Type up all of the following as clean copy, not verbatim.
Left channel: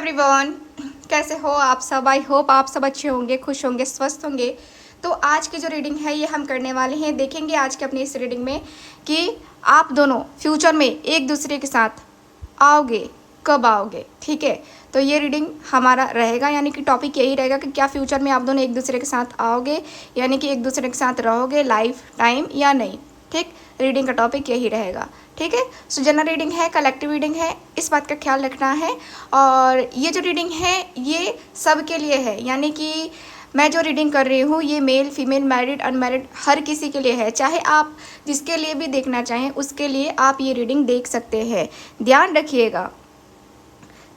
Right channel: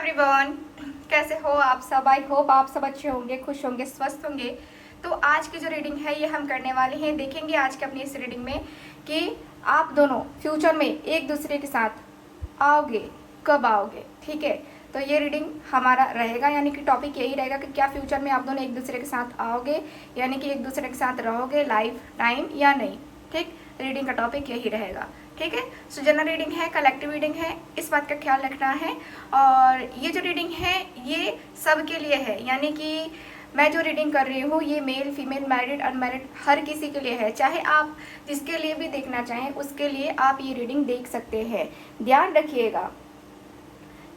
Everyone, कैसे हो आप सब। आई होप आप सब अच्छे होंगे, खुश होंगे, स्वस्थ होंगे। तो आज की जो रीडिंग है ये हम करने वाले हैं। देखेंगे आज के अपनी इस रीडिंग में कि आप दोनों फ्यूचर में एक दूसरे के साथ आओगे, कब आओगे। ठीक है, तो ये रीडिंग हमारा रहेगा, यानी कि टॉपिक यही रहेगा कि क्या फ्यूचर में आप दोनों एक दूसरे के साथ आओगे, यानी कि एक दूसरे के साथ रहोगे लाइफ टाइम या नहीं। ठीक, रीडिंग का टॉपिक यही रहेगा। ठीक है, सो जनरल रीडिंग है, कलेक्टिव रीडिंग है, इस बात का ख्याल रखना है। और ये जो रीडिंग है ये सबके लिए है, यानी कि मैं जो रीडिंग कर रही हूँ ये मेल फीमेल मैरिड अनमैरिड हर किसी के लिए है। चाहे आप जिसके लिए भी देखना चाहें उसके लिए आप ये रीडिंग देख सकते हैं। ध्यान रखिएगा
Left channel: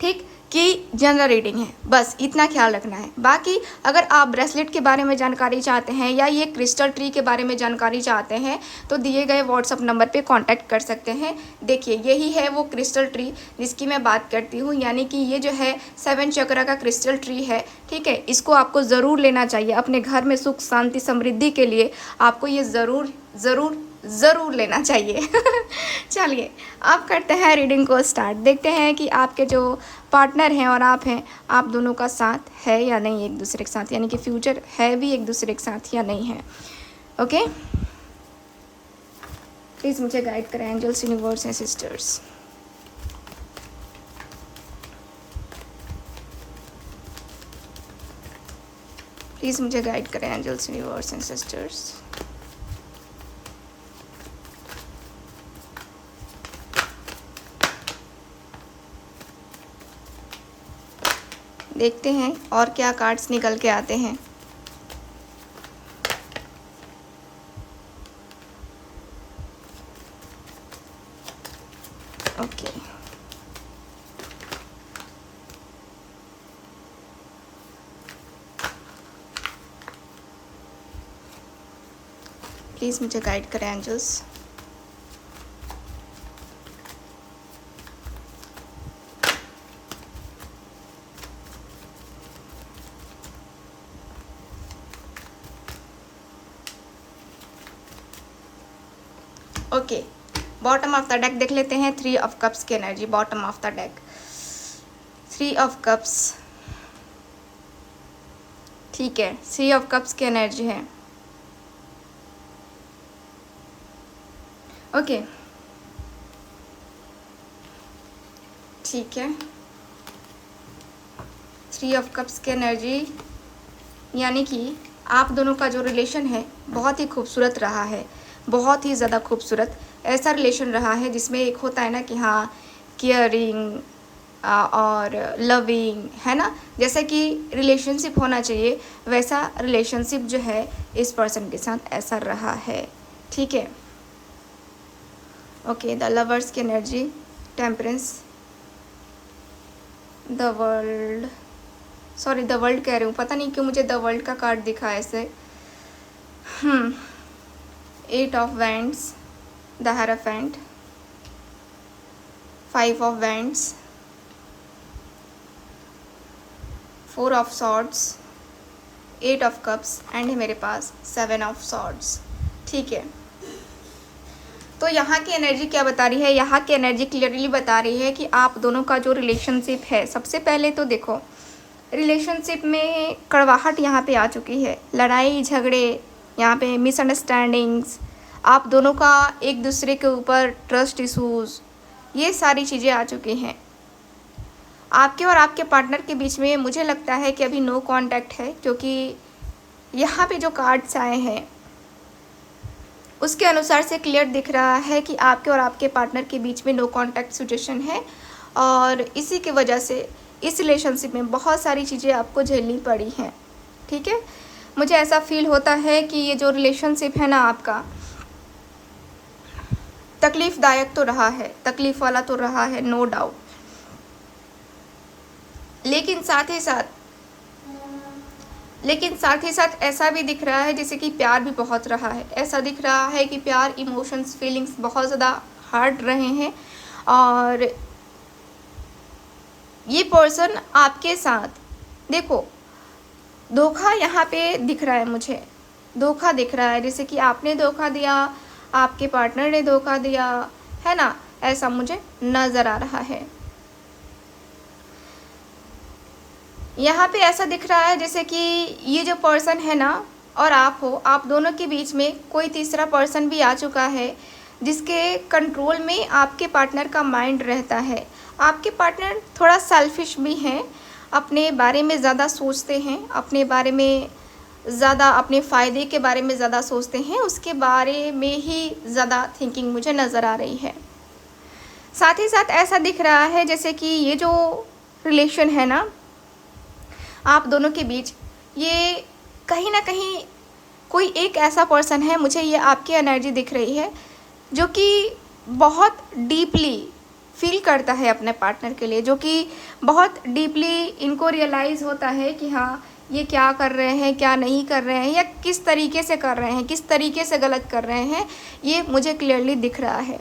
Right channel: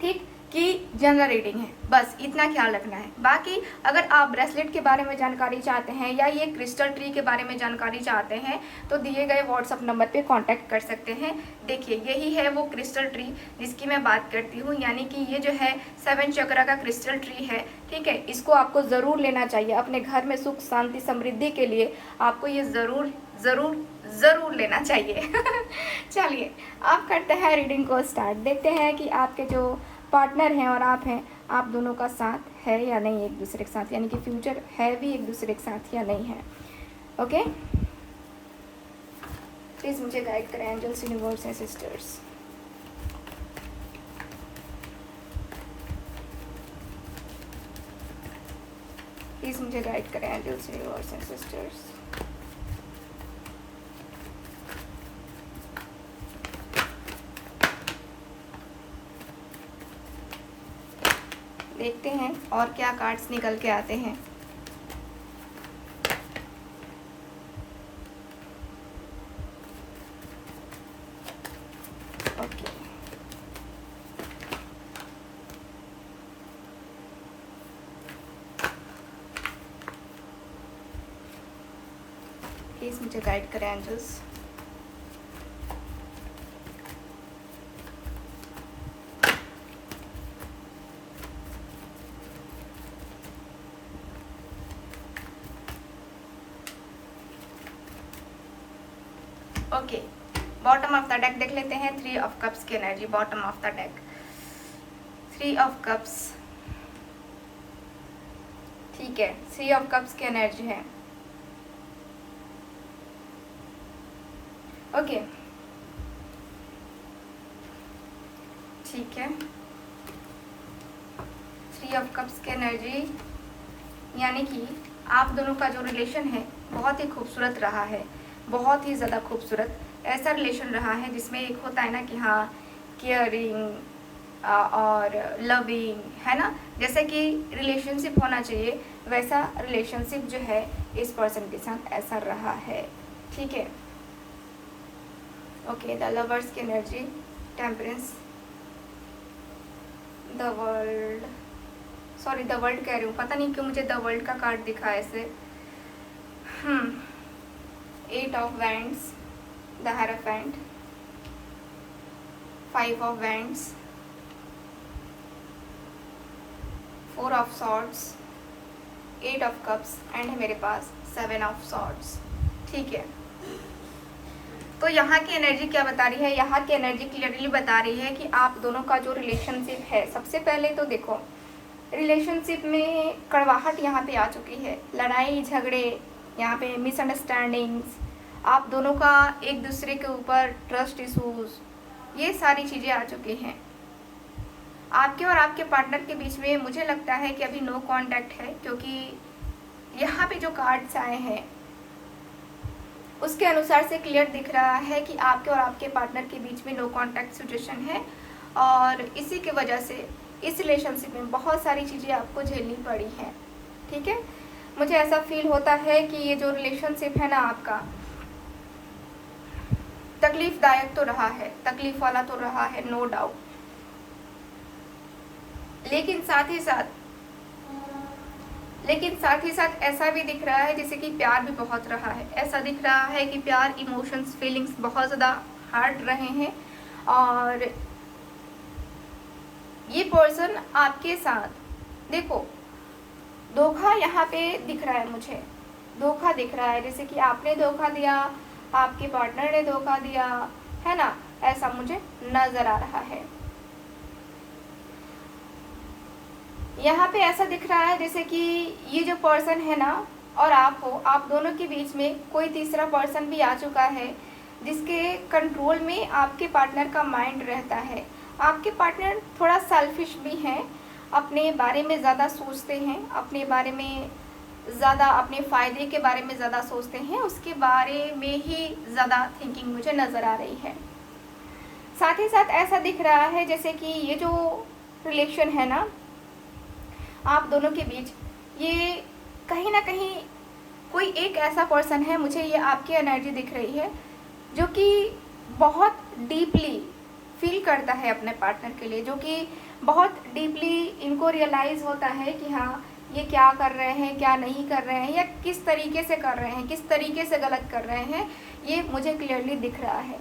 ठीक कि जनरल रीडिंग है, बस इतना ख्याल रखना है। बाकी अगर आप ब्रेसलेट के बारे में जानकारी चाहते हैं या ये क्रिस्टल ट्री के बारे में जानकारी चाहते हैं तो दिए गए व्हाट्सअप नंबर पे कांटेक्ट कर सकते हैं। देखिए यही है वो क्रिस्टल ट्री जिसकी मैं बात करती हूँ, यानी कि ये जो है 7 चक्र का क्रिस्टल ट्री है। ठीक है, इसको आपको ज़रूर लेना चाहिए अपने घर में सुख शांति समृद्धि के लिए। आपको ये ज़रूर ज़रूर ज़रूर लेना चाहिए। चलिए अब करते हैं रीडिंग को स्टार्ट। देखते हैं कि आपके जो पार्टनर हैं और आप हैं, आप दोनों का साथ है या नहीं एक दूसरे के साथ, यानी कि फ्यूचर है भी एक दूसरे के साथ या नहीं है। ओके, प्लीज़ मुझे गाइड करें angels, universe and sisters. Please मुझे गाइड करें एंजल्स, यूनिवर्स एंड सिस्टर्स। देखते हैं और क्या कार्ड्स निकल के आते हैं। ओके, प्लीज़ मुझे गाइड करें angels. Okay, bottom of the deck देख लेते हैं। 3 ऑफ कप्स की energy, bottom of the deck 3 of cups. ठीक है, 3 ऑफ कप्स की एनर्जी है। ओके ठीक है, 3 ऑफ कप्स की एनर्जी यानी कि आप दोनों का जो रिलेशन है बहुत ही खूबसूरत रहा है, बहुत ही ज़्यादा खूबसूरत। ऐसा रिलेशन रहा है जिसमें एक होता है ना कि हाँ केयरिंग और लविंग, है ना, जैसे कि रिलेशनशिप होना चाहिए वैसा रिलेशनशिप जो है इस पर्सन के साथ ऐसा रहा है। ठीक है, ओके, द लवर्स की energy, temperance, the world, sorry the world कह रही हूँ, पता नहीं क्यों मुझे द वर्ल्ड का कार्ड दिखा है ऐसे। 8 of wands, the hierophant, 5 of wands, 4 of swords, 8 of cups and मेरे पास 7 ऑफ सॉर्ड्स। ठीक है, तो यहाँ की एनर्जी क्या बता रही है? यहाँ की एनर्जी क्लियरली बता रही है कि आप दोनों का जो रिलेशनशिप है, सबसे पहले तो देखो रिलेशनशिप में कड़वाहट यहाँ पे आ चुकी है, लड़ाई झगड़े, यहाँ पे मिसअंडरस्टैंडिंग्स, आप दोनों का एक दूसरे के ऊपर ट्रस्ट इशूज़, ये सारी चीज़ें आ चुकी हैं। आपके और आपके पार्टनर के बीच में मुझे लगता है कि अभी नो कांटेक्ट है, क्योंकि यहाँ पे जो कार्ड्स आए हैं उसके अनुसार से क्लियर दिख रहा है कि आपके और आपके पार्टनर के बीच में नो कांटेक्ट सिचुएशन है। और इसी की वजह से इस रिलेशनशिप में बहुत सारी चीज़ें आपको झेलनी पड़ी हैं। ठीक है, मुझे ऐसा फील होता है कि ये जो रिलेशनशिप है ना आपका, तकलीफ़दायक तो रहा है, तकलीफ़ वाला तो रहा है, नो डाउट, लेकिन साथ ही साथ ऐसा भी दिख रहा है जैसे कि प्यार भी बहुत रहा है। ऐसा दिख रहा है कि प्यार, इमोशंस, फीलिंग्स बहुत ज़्यादा हर्ट रहे हैं। और ये पर्सन आपके साथ, देखो धोखा यहाँ पे दिख रहा है, मुझे धोखा दिख रहा है, जैसे कि आपने धोखा दिया, आपके पार्टनर ने धोखा दिया, है ना, ऐसा मुझे नज़र आ रहा है। यहाँ पे ऐसा दिख रहा है जैसे कि ये जो पर्सन है ना और आप हो, आप दोनों के बीच में कोई तीसरा पर्सन भी आ चुका है जिसके कंट्रोल में आपके पार्टनर का माइंड रहता है। आपके पार्टनर थोड़ा सेल्फिश भी हैं, अपने बारे में ज़्यादा सोचते हैं, अपने बारे में ज़्यादा, अपने फ़ायदे के बारे में ज़्यादा सोचते हैं, उसके बारे में ही ज़्यादा थिंकिंग मुझे नज़र आ रही है। साथ ही साथ ऐसा दिख रहा है जैसे कि ये जो रिलेशन है ना आप दोनों के बीच, ये कहीं ना कहीं कोई एक ऐसा पर्सन है, मुझे ये आपकी एनर्जी दिख रही है जो कि बहुत डीपली फील करता है अपने पार्टनर के लिए, जो कि बहुत डीपली इनको रियलाइज़ होता है कि हाँ ये क्या कर रहे हैं, क्या नहीं कर रहे हैं, या किस तरीके से कर रहे हैं, किस तरीके से गलत कर रहे हैं, ये मुझे क्लियरली दिख रहा है।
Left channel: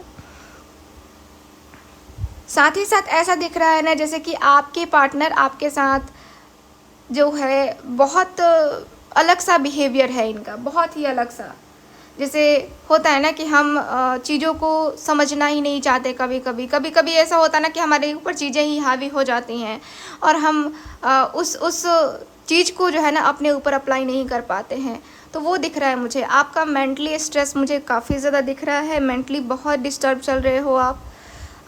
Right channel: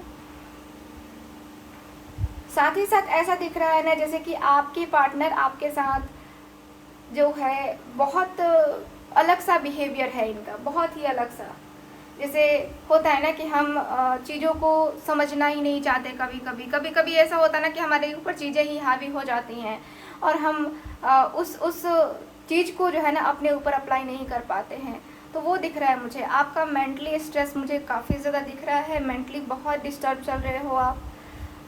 साथ ही साथ ऐसा दिख रहा है ना जैसे कि आपके पार्टनर आपके साथ जो है बहुत अलग सा बिहेवियर है इनका, बहुत ही अलग सा। जैसे होता है ना कि हम चीज़ों को समझना ही नहीं चाहते, कभी कभी ऐसा होता है ना कि हमारे ऊपर चीज़ें ही हावी हो जाती हैं और हम उस चीज़ को जो है ना अपने ऊपर अप्लाई नहीं कर पाते हैं। तो वो दिख रहा है मुझे, आपका मेंटली स्ट्रेस मुझे काफ़ी ज़्यादा दिख रहा है, मेंटली बहुत डिस्टर्ब चल रहे हो आप।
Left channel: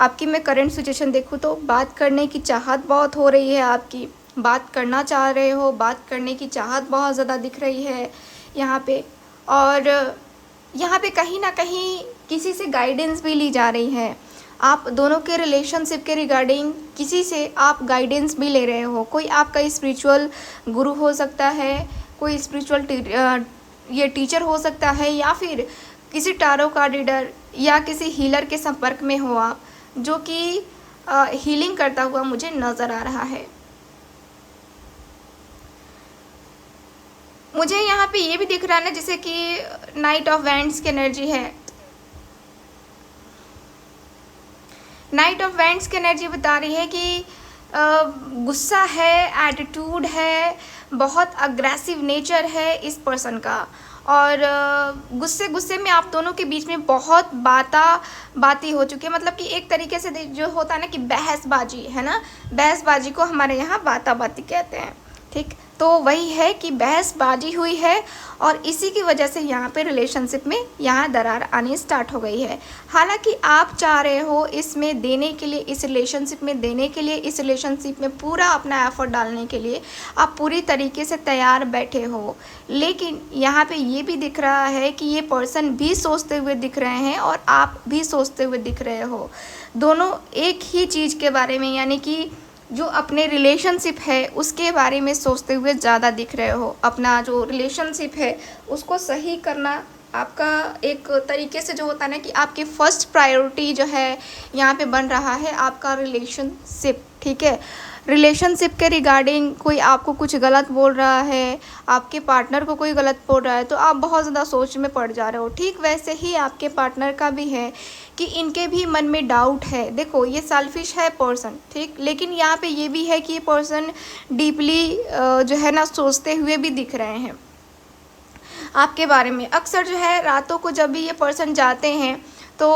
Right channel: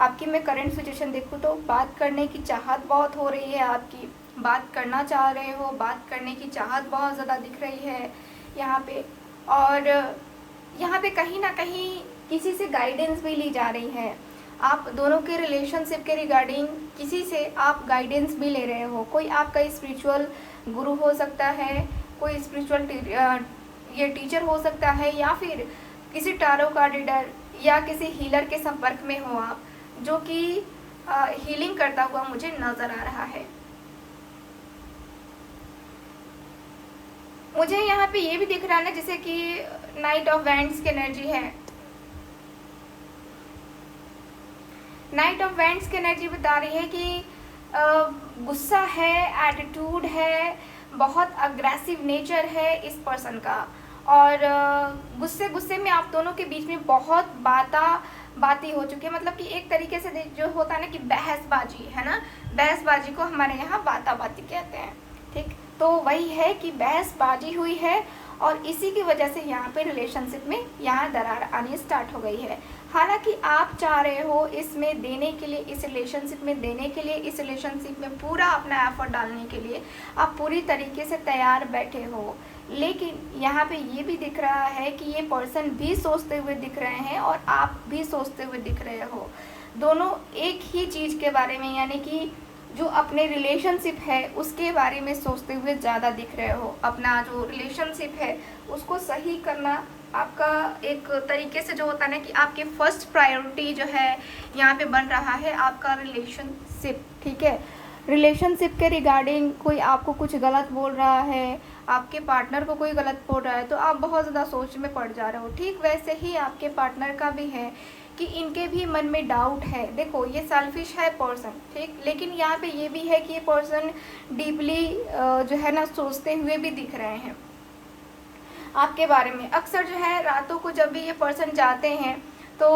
आपकी मैं करंट सिचुएशन देखूँ तो बात करने की चाहत बहुत हो रही है, आपकी बात करना चाह रहे हो, बात करने की चाहत बहुत ज़्यादा दिख रही है यहाँ पे। और यहाँ पे कहीं ना कहीं किसी से गाइडेंस भी ली जा रही है, आप दोनों के रिलेशनशिप के रिगार्डिंग किसी से आप गाइडेंस भी ले रहे हो। कोई आपका स्पिरिचुअल गुरु हो सकता है, कोई स्पिरिचुअल ये टीचर हो सकता है, या फिर किसी टारो कार्ड रीडर या किसी हीलर के संपर्क में हो आप, जो कि हीलिंग करता हुआ मुझे नज़र आ रहा है। मुझे यहाँ पे ये भी दिख रहा है ना जैसे कि नाइट ऑफ वैंड्स की एनर्जी है। नाइट ऑफ वैंड्स की एनर्जी बता रही है कि गुस्सा है, एटीट्यूड है, बहुत अग्रेसिव नेचर है इस पर्सन का, और गुस्से में आप दोनों के बीच में बहुत बाती हो चुकी है। मतलब कि एक तरीके से जो होता है ना कि बहसबाजी है ना, बहसबाजी को हमारे यहाँ बाती कहते हैं, ठीक। तो वही है कि बहसबाजी हुई है और इसी की वजह से यहाँ पे रिलेशनशिप में यहाँ दरार आनी स्टार्ट हो गई है। हालांकि आप चाह रहे हो इसमें देने के लिए, इस रिलेशनशिप में देने के लिए, इस रिलेशनशिप में पूरा अपना एफर्ट डालने के लिए आप पूरी तरीके से तैयार बैठे हो, लेकिन यहाँ पे ये भी दिख रहा है कि ये पर्सन भी सोचते हुए दिख रहे हैं और आप भी सोचते हुए दिख रहे हो। दोनों एक ही चीज़ के बारे में, यानी कि जो अपने रिलेशनशिप है उसके बारे में सोचते हुए ज़्यादा दिख रहे हो। अपना जो रिलेशनशिप है उसको सही करना आपका एक तरीके से जो होता है ना कि आपकी फर्स्ट प्रायोरिटी जो है यहाँ पे बन रहा है आपका रिलेशनशिप, ठीक है। रिलेशनशिप के रिगार्डिंग कोई आपको कुछ गलत बोल रहा है, आपके पार्टनर को कोई गलत बोल रहा है, तो आप बहुत ज़्यादा सोच में पड़ जा रहे हो। ठीक वैसे ही आपके पार्टनर का भी है कि इनके भी मन में डाउट है। देखो ये सेल्फिश है पर्सन, ठीक, लेकिन यहाँ पे ये भी है कि ये पर्सन डीपली जो है ना सोचते हुए भी दिख रहे हैं आपके बारे में। अक्सर जो है रातों को जब भी ये पर्सन जाते हैं तो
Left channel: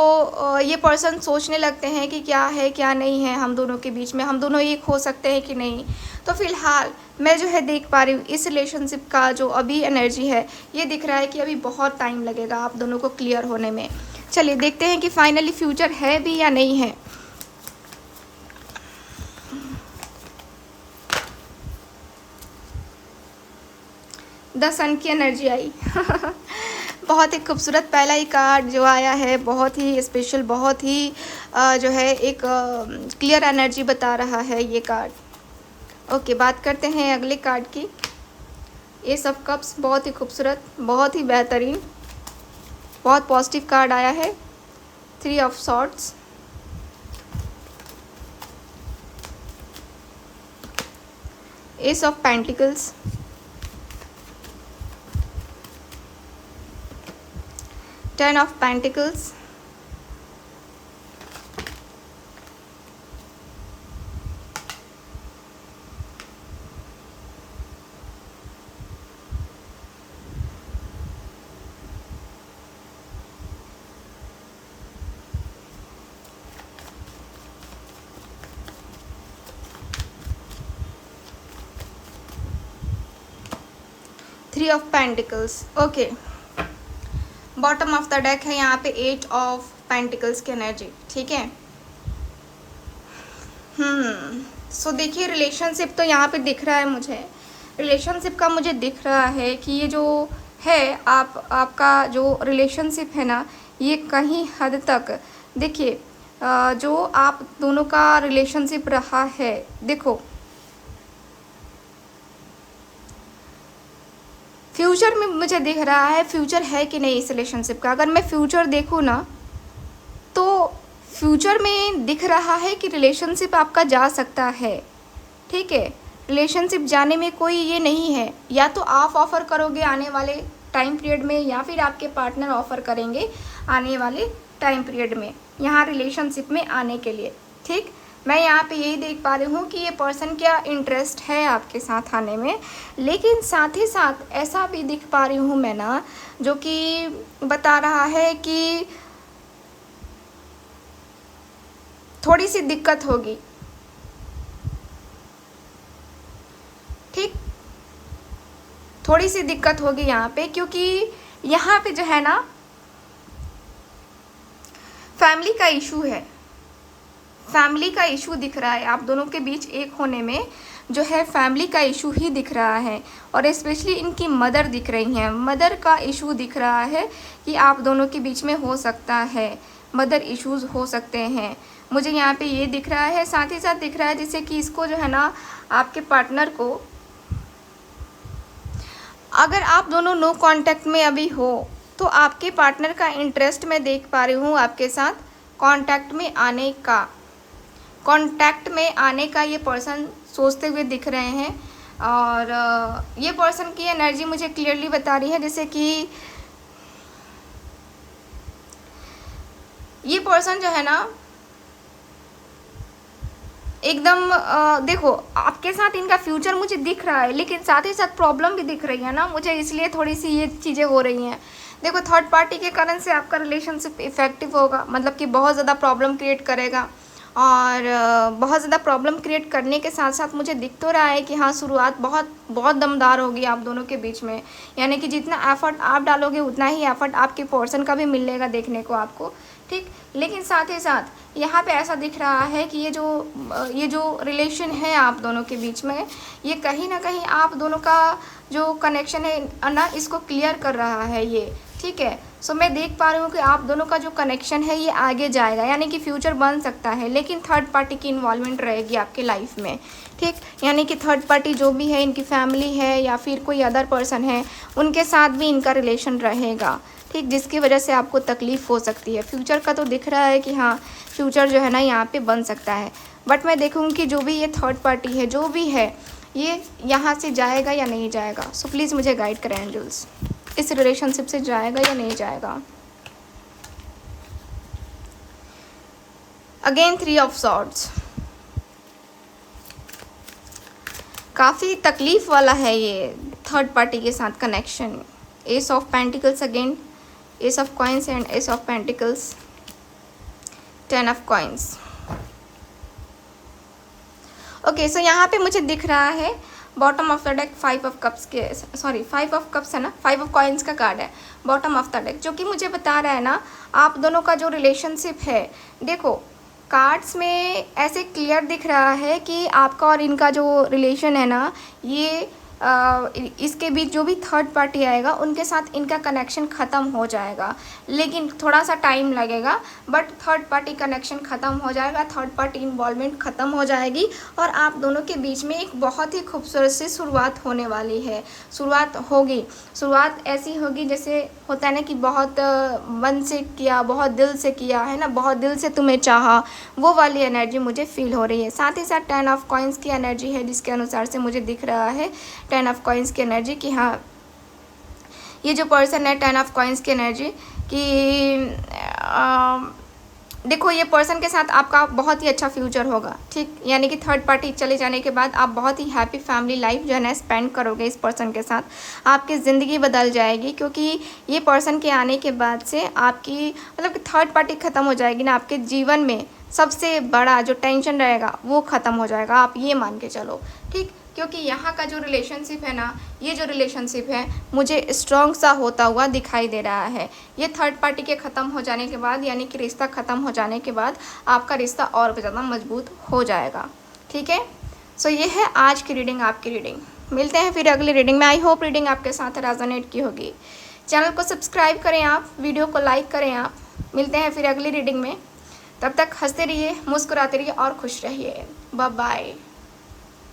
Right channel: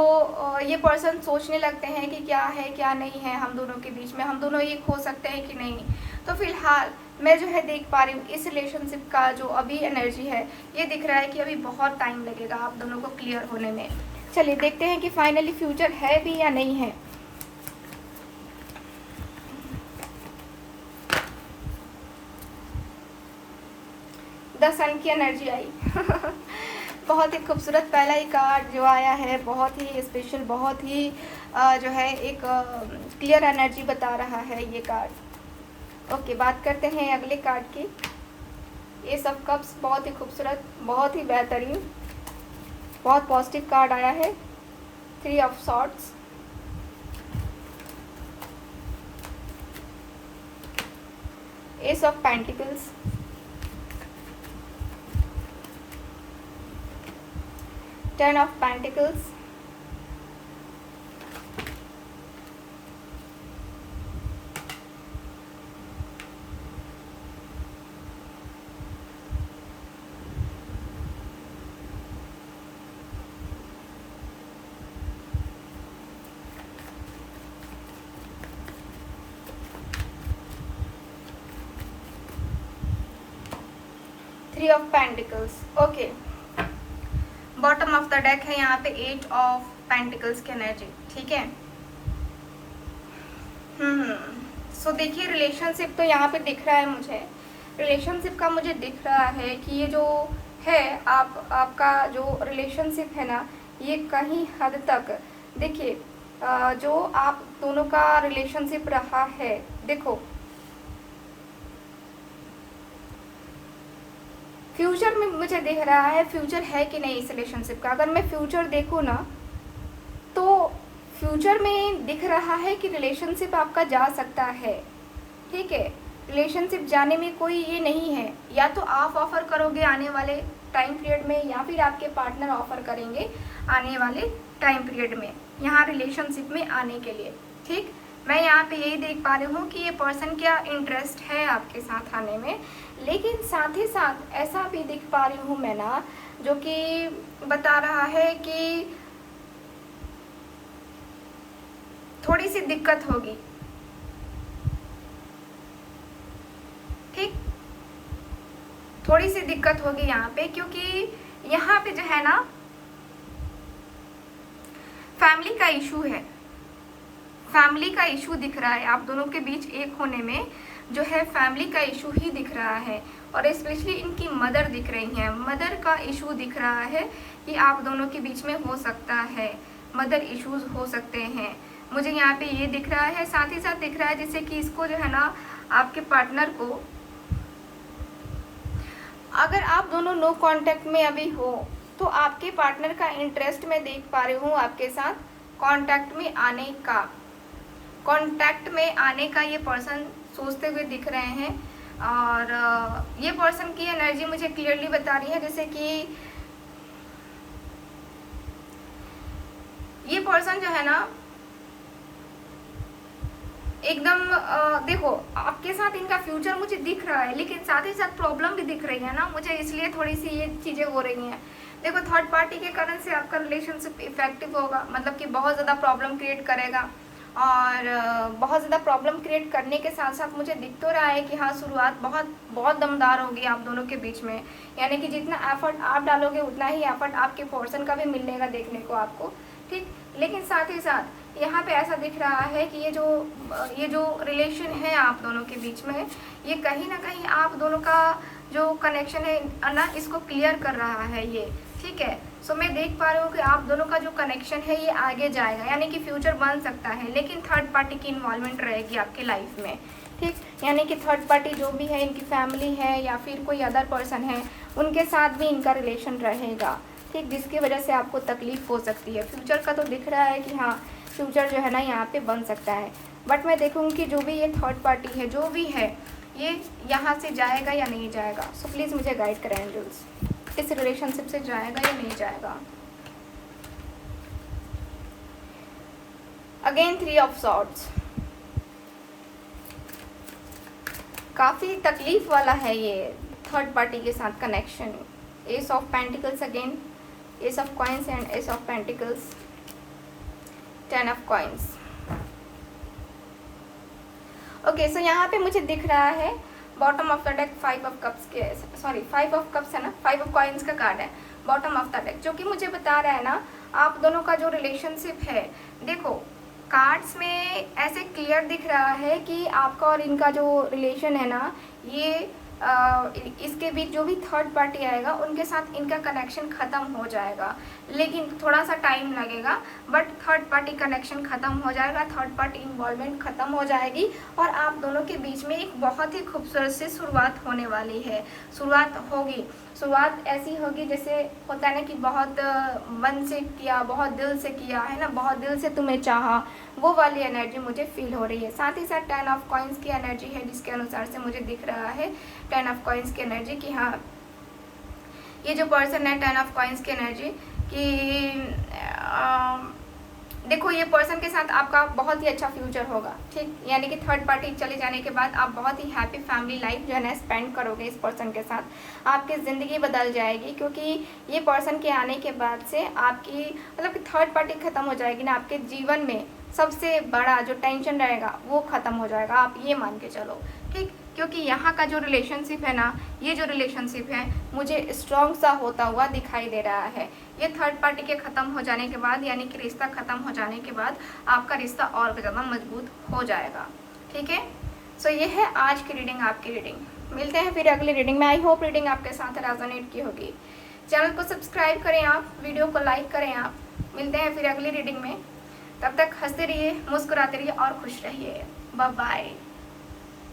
ये पर्सन सोचने लगते हैं कि क्या है क्या नहीं है हम दोनों के बीच में, हम दोनों एक हो सकते हैं कि नहीं। तो फिलहाल मैं जो है देख पा रही हूँ इस रिलेशनशिप का जो अभी एनर्जी है, ये दिख रहा है कि अभी बहुत टाइम लगेगा आप दोनों को क्लियर होने में। चलिए देखते हैं कि फाइनली फ्यूचर है भी या नहीं है। द सन की एनर्जी आई बहुत ही खूबसूरत पहला ही कार्ड जो आया है, बहुत ही स्पेशल, बहुत ही जो है एक क्लियर एनर्जी बता रहा है ये कार्ड। ओके, बात करते हैं अगले कार्ड की। एस ऑफ कप्स, बहुत ही खूबसूरत, बहुत ही बेहतरीन, बहुत पॉजिटिव कार्ड आया है। Three of swords, S of pentacles, ten of pentacles, 3 of pentacles, okay. Bottom of the deck है यहाँ पे 8 ऑफ पेंटिकल्स की एनर्जी, ठीक है। सो देखिए रिलेशनशिप तो यहाँ पे दिख रहा है मुझे, रिलेशनशिप का मुझे दिख रहा है कि ये जो है आपका जो रिलेशनशिप है ना, ये कहीं हद तक देखिए जो आप दोनों का रिलेशनशिप रहा है, देखो फ्यूचर में मुझे दिख रहा है, फ्यूचर है कि नहीं इस रिलेशनशिप का। अगर मैं फ्यूचर देखूँ ना तो फ्यूचर में दिख रहा है कि रिलेशनशिप आपका जा सकता है, ठीक है। रिलेशनशिप जाने में कोई ये नहीं है, या तो आप ऑफ़र करोगे आने वाले टाइम पीरियड में या फिर आपके पार्टनर ऑफ़र करेंगे आने वाले टाइम पीरियड में यहाँ रिलेशनशिप में आने के लिए, ठीक। मैं यहाँ पे यही देख पा रही हूँ कि ये पर्सन क्या इंटरेस्ट है आपके साथ आने में, लेकिन साथ ही साथ ऐसा भी दिख पा रही हूँ मैं ना जो कि बता रहा है कि थोड़ी सी दिक्कत होगी, ठीक, थोड़ी सी दिक्कत होगी यहाँ पे, क्योंकि यहाँ पे जो है ना फैमिली का इशू है, फैमिली का इशू दिख रहा है आप दोनों के बीच एक होने में, जो है फैमिली का इशू ही दिख रहा है। और स्पेशली इनकी मदर दिख रही हैं, मदर का इशू दिख रहा है कि आप दोनों के बीच में हो सकता है, मदर इश्यूज हो सकते हैं, मुझे यहाँ पे ये दिख रहा है। साथ ही साथ दिख रहा है जैसे कि इसको जो है ना आपके पार्टनर को, अगर आप दोनों नो कांटेक्ट में अभी हो तो आपके पार्टनर का इंटरेस्ट मैं देख पा रही हूँ आपके साथ कांटेक्ट में आने का, कांटेक्ट में आने का ये पर्सन सोचते हुए दिख रहे हैं। और ये पर्सन की एनर्जी मुझे क्लियरली बता रही है जैसे कि ये पर्सन जो है ना एकदम देखो आपके साथ इनका फ्यूचर मुझे दिख रहा है, लेकिन साथ ही साथ प्रॉब्लम भी दिख रही है ना मुझे, इसलिए थोड़ी सी ये चीज़ें हो रही हैं। देखो थर्ड पार्टी के कारण से आपका रिलेशनशिप इफेक्टिव होगा, मतलब कि बहुत ज़्यादा प्रॉब्लम क्रिएट करेगा, और बहुत ज़्यादा प्रॉब्लम क्रिएट करने के साथ साथ मुझे दिख तो रहा है कि हाँ शुरुआत बहुत बहुत दमदार होगी आप दोनों के बीच में, यानी कि जितना एफर्ट आप डालोगे उतना ही एफर्ट आपके पर्सन का भी मिलेगा देखने को आपको, ठीक। लेकिन साथ ही साथ यहाँ पे ऐसा दिख रहा है कि ये जो रिलेशन है आप दोनों के बीच में, ये कहीं ना कहीं आप दोनों का जो कनेक्शन है ना इसको क्लियर कर रहा है ये, ठीक है। सो मैं देख पा रही हूँ कि आप दोनों का जो कनेक्शन है ये आगे जाएगा, यानी कि फ्यूचर बन सकता है, लेकिन थर्ड पार्टी की इन्वॉल्वमेंट रहेगी आपके लाइफ में, ठीक। यानी कि थर्ड पार्टी जो भी है, इनकी फैमिली है या फिर कोई अदर पर्सन है, उनके साथ भी इनका रिलेशन रहेगा, ठीक, जिसकी वजह से आपको तकलीफ हो सकती है। फ्यूचर का तो दिख रहा है कि हाँ फ्यूचर जो है ना यहाँ पे बन सकता है, बट मैं देखूँगी कि जो भी ये थर्ड पार्टी है जो भी है ये यहाँ से जाएगा या नहीं जाएगा। सो प्लीज़ मुझे गाइड करें एंजल्स, इस रिलेशनशिप से जाएगा या नहीं जाएगा। अगेन 3 ऑफ सॉर्ड्स, काफ़ी तकलीफ वाला है ये थर्ड पार्टी के साथ connection. S of pentacles again, S of coins and S of pentacles, 10 of coins. Okay so यहाँ पे मुझे दिख रहा है bottom of the deck 5 of cups के, सॉरी 5 ऑफ कप्स है ना, 5 ऑफ कॉइन्स का कार्ड है बॉटम ऑफ द डेक, जो कि मुझे बता रहा है ना आप दोनों का जो रिलेशनशिप है। देखो कार्ड्स में ऐसे क्लियर दिख रहा है कि आपका और इनका जो रिलेशन है ना ये इसके बीच जो भी थर्ड पार्टी आएगा उनके साथ इनका कनेक्शन ख़त्म हो जाएगा, लेकिन थोड़ा सा टाइम लगेगा, बट थर्ड पार्टी कनेक्शन ख़त्म हो जाएगा, थर्ड पार्टी इन्वॉल्वमेंट ख़त्म हो जाएगी और आप दोनों के बीच में एक बहुत ही खूबसूरत सी शुरुआत होने वाली है। शुरुआत होगी, शुरुआत ऐसी होगी जैसे होता है ना कि बहुत मन से किया, बहुत दिल से किया है ना, बहुत दिल से तुम्हें चाहा, वो वाली एनर्जी मुझे फील हो रही है। साथ ही साथ 10 ऑफ कॉइन्स की एनर्जी है जिसके अनुसार से मुझे दिख रहा है 10 ऑफ कॉइन्स की एनर्जी कि हाँ ये जो पर्सन है 10 ऑफ कॉइन्स की एनर्जी कि देखो ये पर्सन के साथ आपका बहुत ही अच्छा फ्यूचर होगा, ठीक, यानी कि थर्ड पार्टी चले जाने के बाद आप बहुत ही हैप्पी फैमिली लाइफ जो है ना स्पेंड करोगे इस पर्सन के साथ, आपकी ज़िंदगी बदल जाएगी, क्योंकि ये पर्सन के आने के बाद से आपकी मतलब कि थर्ड पार्टी ख़त्म हो जाएगी ना आपके जीवन में, सबसे बड़ा जो टेंशन रहेगा वो ख़त्म हो जाएगा, आप ये मान के चलो, ठीक। क्योंकि यहाँ का जो रिलेशनशिप है ना, ये जो रिलेशनशिप है मुझे स्ट्रॉन्ग सा होता हुआ दिखाई दे रहा है। ये थर्ड पार्टी के ख़त्म हो जाने के बाद, यानी कि रिश्ता ख़त्म हो जाने के बाद आपका रिश्ता और भी ज़्यादा मजबूत हो जाएगा, ठीक है। सो ये है आज की रीडिंग, आपकी रीडिंग। मिलते हैं फिर अगली रीडिंग में। आई होप रीडिंग आपके साथ रेजोनेट की होगी। चैनल को सब्सक्राइब करें आप, वीडियो को लाइक करें आप। मिलते हैं फिर अगली रीडिंग में, तब तक हंसते रहिए, मुस्कुराते रहिए और खुश रहिए। Bye bye.